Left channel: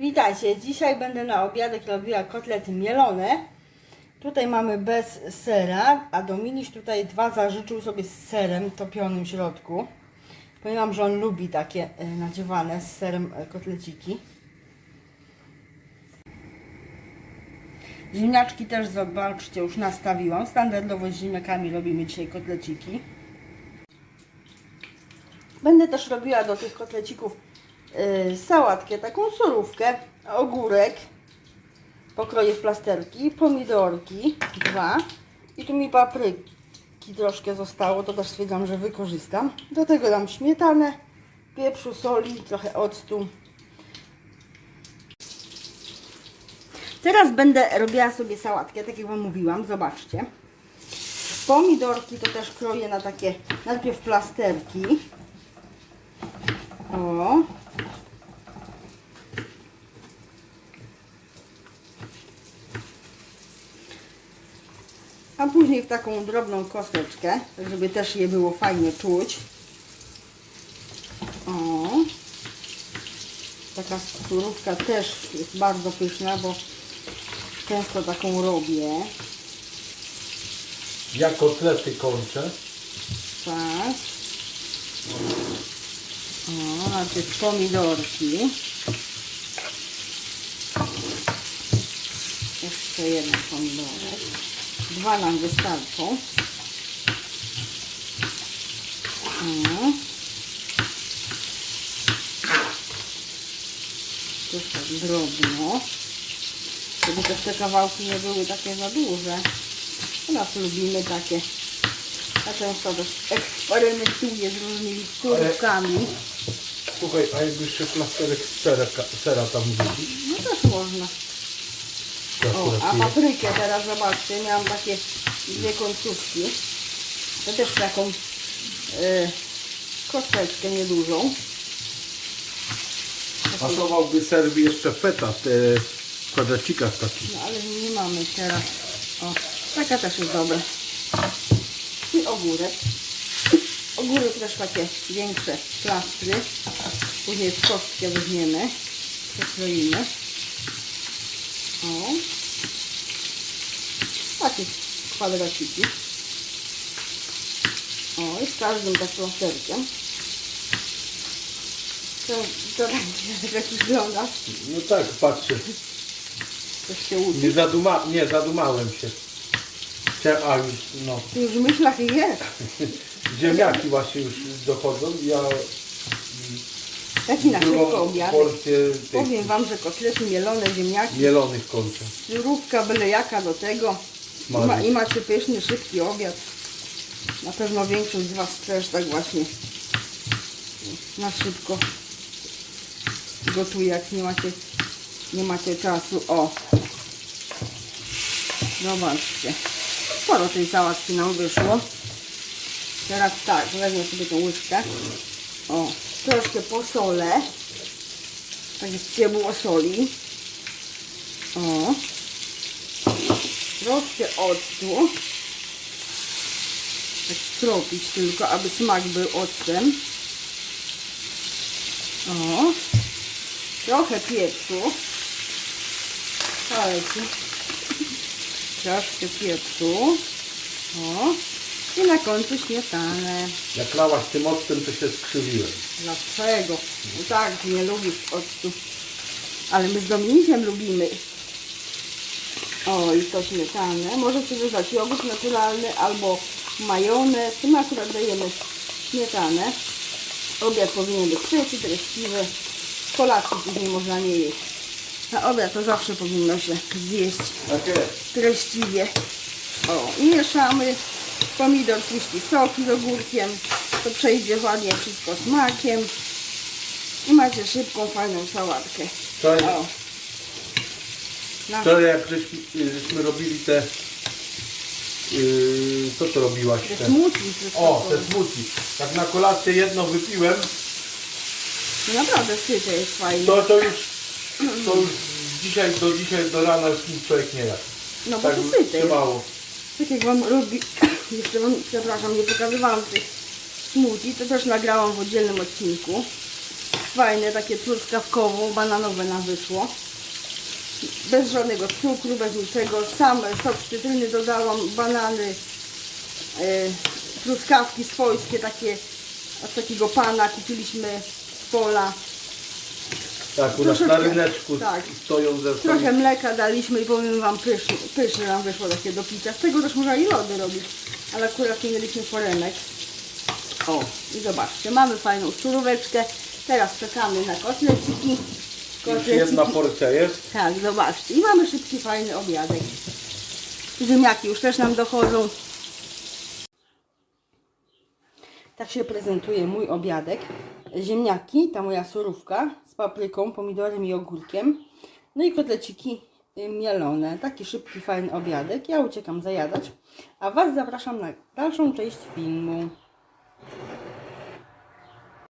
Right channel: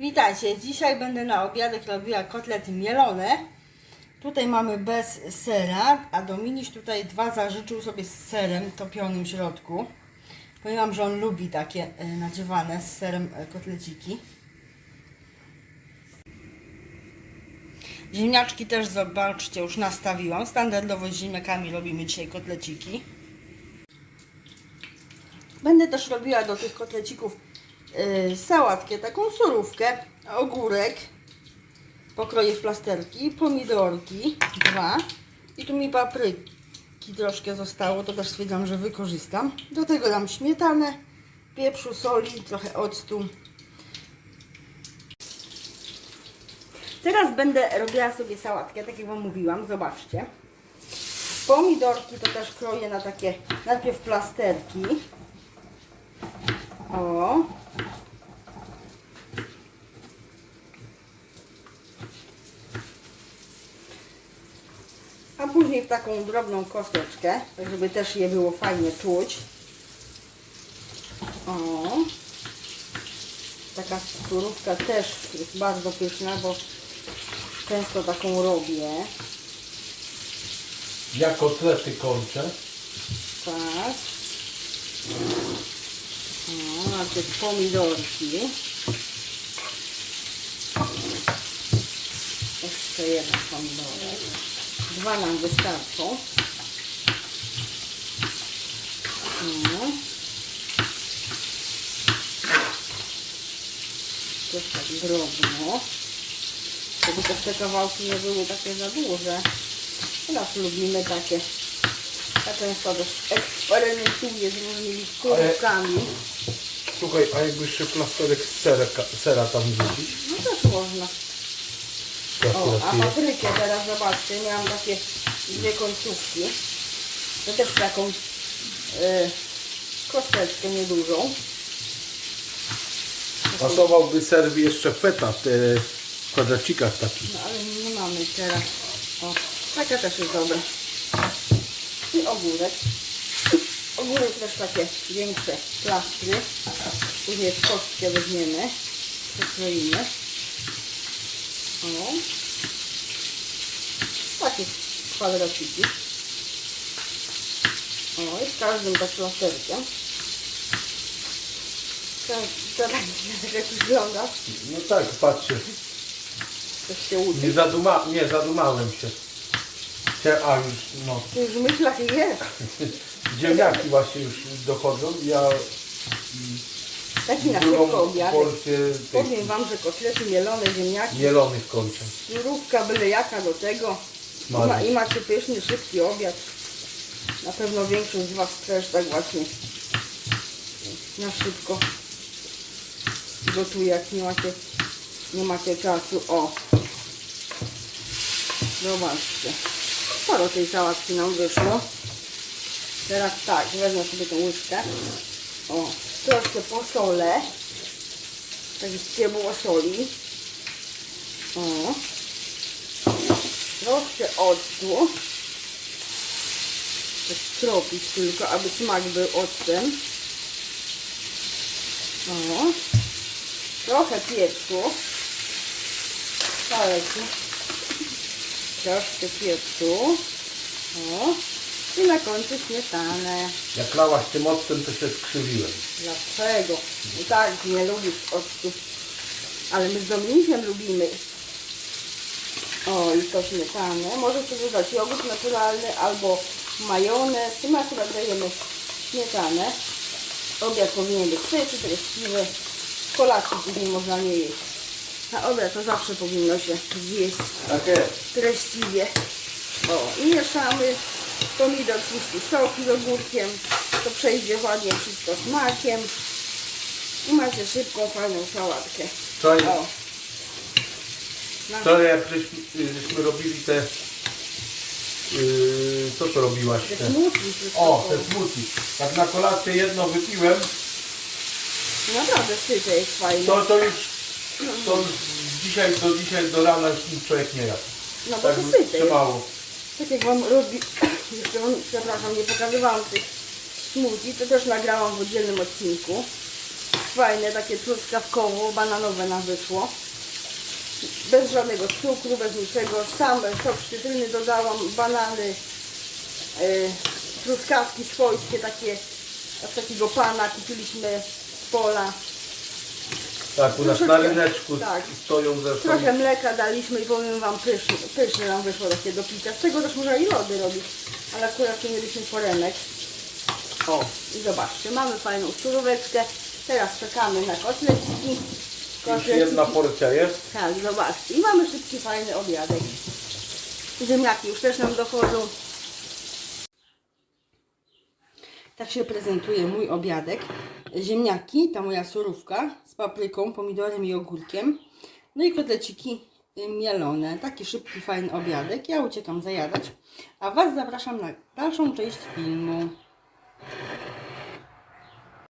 Witajcie, dzisiaj będę na obiadek robiła kotlety mielone. Tutaj mamy bez sera, a Dominiś tutaj dwa zażyczył sobie z serem topionym w środku. Powiem że on lubi takie e, nadziewane z serem e, kotleciki. Ziemniaczki też zobaczcie, już nastawiłam. Standardowo z ziemniakami robimy dzisiaj kotleciki. Będę też robiła do tych kotlecików sałatkę, taką surówkę, ogórek, pokroję w plasterki, pomidorki, dwa i tu mi papryki troszkę zostało, to też stwierdzam, że wykorzystam. Do tego dam śmietanę, pieprzu, soli, trochę octu. Teraz będę robiła sobie sałatkę, tak jak Wam mówiłam, zobaczcie. Pomidorki to też kroję na takie najpierw plasterki. O. A później w taką drobną kosteczkę, żeby też je było fajnie czuć. O. Taka surówka też jest bardzo pyszna, bo często taką robię. Ja kotlety kończę. Tak. O, najpierw pomidorki. Jeszcze jeden pomidorek. Dwa nam wystarczą. Też tak drobno. Żeby też te kawałki nie były takie za duże. U nas lubimy takie. A często też eksperymentuję z różnymi kurkami. Słuchaj, a jakby jeszcze plasterek z sera, sera tam wrzucić? No też można. To O, akurat a paprykę teraz zobaczcie, miałam takie dwie końcówki. To też taką y, kosteczkę niedużą. Pasowałby ser jeszcze feta w te kwadratcikach takich. No ale nie mamy teraz. O, taka też jest dobra. I ogórek. Ogórek też takie większe plastry. Później w kostkę weźmiemy. Przekroimy. O. Takie kwadraciki. O, i z każdym tak plasterkiem. To, to będzie jak wygląda. No tak, patrzcie. Coś się uczy. Nie, zaduma, nie zadumałem się. Chciałem, a już, no. Ty już w myślach jest. Ziemniaki właśnie już dochodzą. Ja Taki na szybko obiad. tych Powiem Wam, że kotlety mielone, ziemniaki, mielonych kończę. surówka byle jaka do tego. I, ma. I macie pyszny, szybki obiad. Na pewno większość z Was też tak właśnie na szybko gotuje, jak nie macie, nie macie czasu. O! Zobaczcie. Sporo tej sałatki nam wyszło. Teraz tak, wezmę sobie tą łyżkę. O, troszkę posolę. Tak jest ciepło soli. O. Troszkę octu. Tak tropić tylko, aby smak był octem. O. Trochę pieprzu. Troszkę pieprzu. O. I na końcu śmietanę. Jak lałaś tym octem, to się skrzywiłem. Dlaczego? No tak, nie lubisz octu. Ale my z Dominikiem lubimy. O, i to śmietanę. Może sobie dać jogurt naturalny albo majonez. My akurat dajemy śmietanę. Obiad powinien być trzeci, treściwy. Kolacji później można nie jeść. Na obiad to zawsze powinno się zjeść Takie. treściwie. O, i mieszamy. Pomidor puści soki z ogórkiem. To przejdzie ładnie wszystko smakiem. I macie szybką, fajną sałatkę. Wczoraj, O. Na, wczoraj jak żeśmy, żeśmy robili te... Yy, co to robiłaś? te Te, smutki o, te smoothie. Jak na kolację jedno wypiłem, No naprawdę syte jest fajne. to, to już... To już dzisiaj do dzisiaj do rana już nic człowiek nie jadł. No bo Tak to syte jest. trzymało. Tak jak wam robi, przepraszam, nie pokazywałam tych smoothie, to też nagrałam w oddzielnym odcinku. Fajne, takie truskawkowo-bananowe nam wyszło. Bez żadnego cukru, bez niczego. Sam sok cytryny dodałam, banany, yy, truskawki swojskie, takie od takiego pana kupiliśmy z pola. Tak, u nas na Troszeczkę, ryneczku tak. stoją zresztą. Trochę mleka daliśmy i powiem Wam pyszne, pyszne nam wyszło takie do picia. Z tego też można i lody robić, ale akurat nie mieliśmy forenek. O, i zobaczcie, mamy fajną suróweczkę. Teraz czekamy na kotleciki. Już jedna porcja jest. Tak, zobaczcie. I mamy szybki, fajny obiadek. Ziemniaki już też nam dochodzą. Tak się prezentuje mój obiadek. Ziemniaki, ta moja surówka papryką, pomidorem i ogórkiem. No i kotleciki y, mielone. Taki szybki, fajny obiadek. Ja uciekam zajadać. A Was zapraszam na dalszą część filmu.